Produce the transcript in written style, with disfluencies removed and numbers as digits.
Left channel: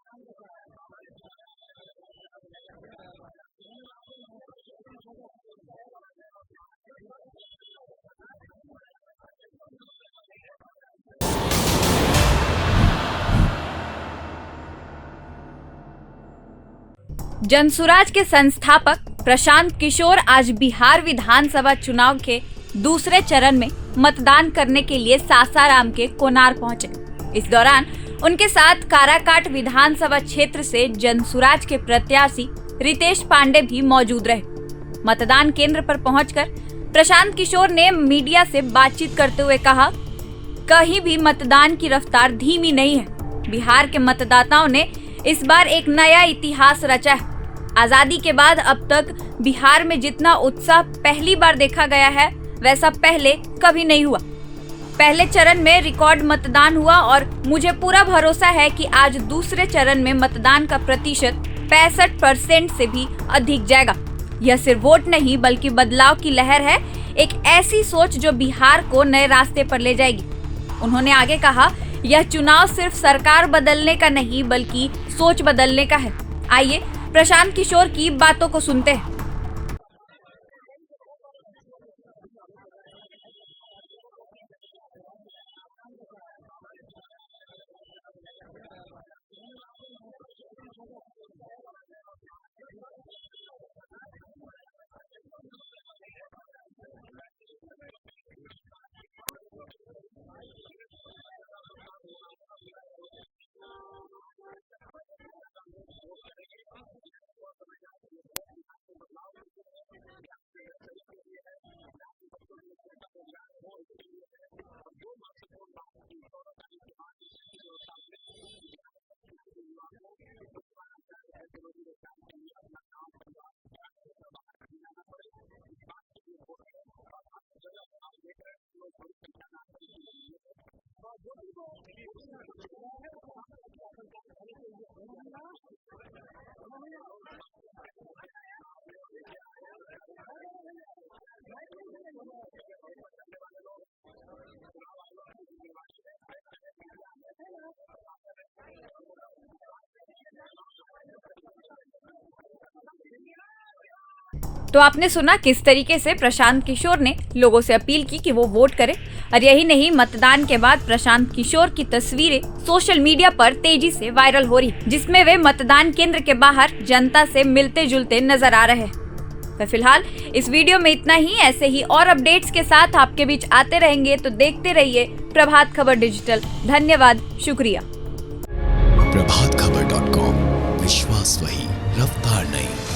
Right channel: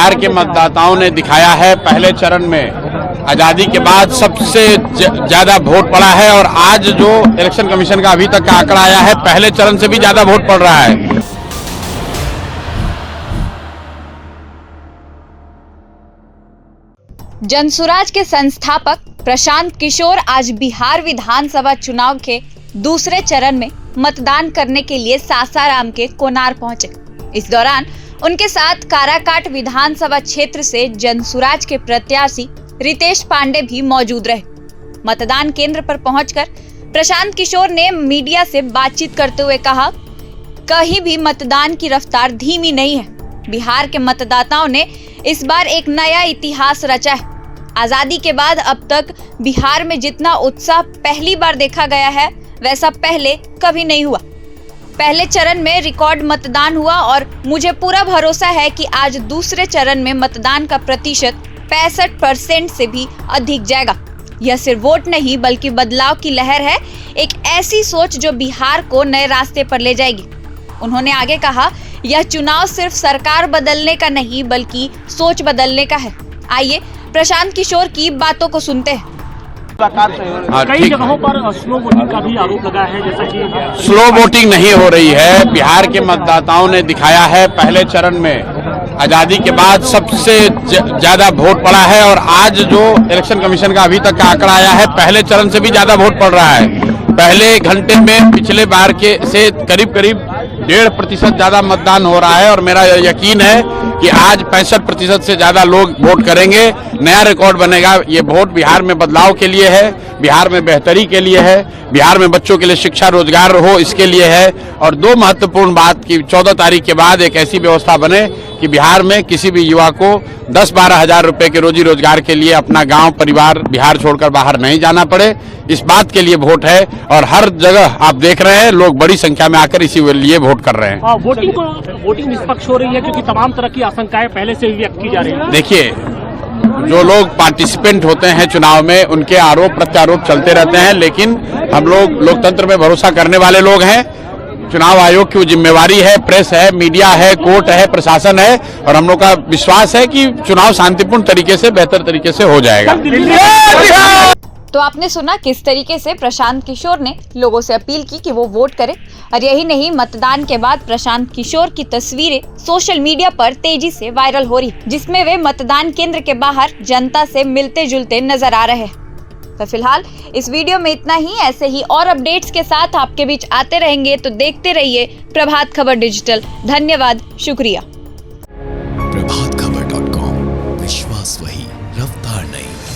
बिहार के मतदाताओं ने दिखाया है पहले चरण में आजादी के बाद सबसे ज्यादा वोट पड़ा है और आज जो इलेक्शन कमीशन का अभी तक का आंकड़ा आया है पहले चरण से भी ज्यादा वोट पड़ रहा है। जनसुराज के संस्थापक प्रशांत किशोर आज बिहार विधानसभा चुनाव के दूसरे चरण में मतदान करने के लिए सासाराम के कोनार पहुंचे। इस दौरान उनके साथ काराकाट विधानसभा क्षेत्र से जनसुराज के प्रत्याशी रितेश पांडे भी मौजूद रहे। मतदान केंद्र पर पहुंचकर प्रशांत किशोर ने मीडिया से बातचीत करते हुए कहा, कहीं भी मतदान की रफ्तार धीमी नहीं है। बिहार के मतदाताओं ने इस बार एक नया इतिहास रचा है। आजादी के बाद अब तक बिहार में जितना उत्साह पहली बार देखा गया है वैसा पहले कभी नहीं हुआ। पहले चरण में रिकॉर्ड मतदान हुआ और मुझे पूरा भरोसा है कि आज दूसरे चरण में मतदान का प्रतिशत 65% से भी अधिक जाएगा। यह सिर्फ वोट नहीं बल्कि बदलाव की लहर है, एक ऐसी सोच जो बिहार को नए रास्ते पर ले जाएगी। उन्होंने आगे कहा, यह चुनाव सिर्फ सरकार बदलने का नहीं बल्कि सोच बदलने का है। आइए प्रशांत किशोर की बातों को सुनते हैं। कई जगहों पर स्लो वोटिंग का भी आरोप लगा है, जैसा कि स्लो वोटिंग नहीं हो रही है। बिहार के मतदाताओं ने दिखाया है पहले चरण में आजादी के बाद सबसे ज्यादा वोट पड़ा है और आज जो इलेक्शन कमीशन का अभी तक का आंकड़ा आया है पहले चरण से भी ज्यादा वोट पड़ रहा है। पहले घंटे में पिछले बार के से करीब 1.5% ज्यादा मतदान हो रहा है और मेरा यकीन है कि आज 65% से ज्यादा लोग वोट करेंगे। नया रिकॉर्ड बनेगा। ये वोट बिहार में बदलाव के लिए है, बिहार में बेहतरी के लिए है, बिहार में बच्चों के लिए शिक्षा रोजगार हो इसके लिए है। और दो महत्वपूर्ण बात की 14 तारीख के बाद एक ऐसी व्यवस्था बने कि बिहार में किसी भी युवा को 10-12 हजार रुपए के रोजी रोजगार के लिए अपना गांव परिवार बिहार छोड़कर बाहर नहीं जाना पड़े। इस बात के लिए वोट है और हर जगह आप देख रहे हैं लोग बड़ी संख्या में आकर इसी लिए वोट कर रहे हैं। वोटिंग निष्पक्ष हो रही है क्योंकि तमाम तरह की आशंकाएं पहले से व्यक्त की जा रही है। देखिए, जो लोग पार्टिसिपेंट होते हैं चुनाव में उनके आरोप प्रत्यारोप चलते रहते हैं, लेकिन हम लोग लोकतंत्र में भरोसा करने वाले लोग हैं। चुनाव आयोग की जिम्मेवारी है, प्रेस है, मीडिया है, कोर्ट है, प्रशासन है और हम लोग का विश्वास है कि चुनाव शांतिपूर्ण तरीके से बेहतर तरीके से हो जाएगा। तो आपने सुना किस तरीके से प्रशांत किशोर ने लोगों से अपील की कि वो वोट करें। और यही नहीं, मतदान के बाद प्रशांत किशोर की तस्वीरें सोशल मीडिया पर तेजी से वायरल हो रही, जिसमें वे मतदान केंद्र के बाहर जनता से मिलते जुलते नजर आ रहे हैं। तो फिलहाल इस वीडियो में इतना ही। ऐसे ही और अपडेट्स के साथ आपके बीच आते रहेंगे, तो देखते रहिए प्रभात खबर डिजिटल। धन्यवाद, शुक्रिया। प्रभातखबर.com, विश्वास वही, रफ्तार नहीं।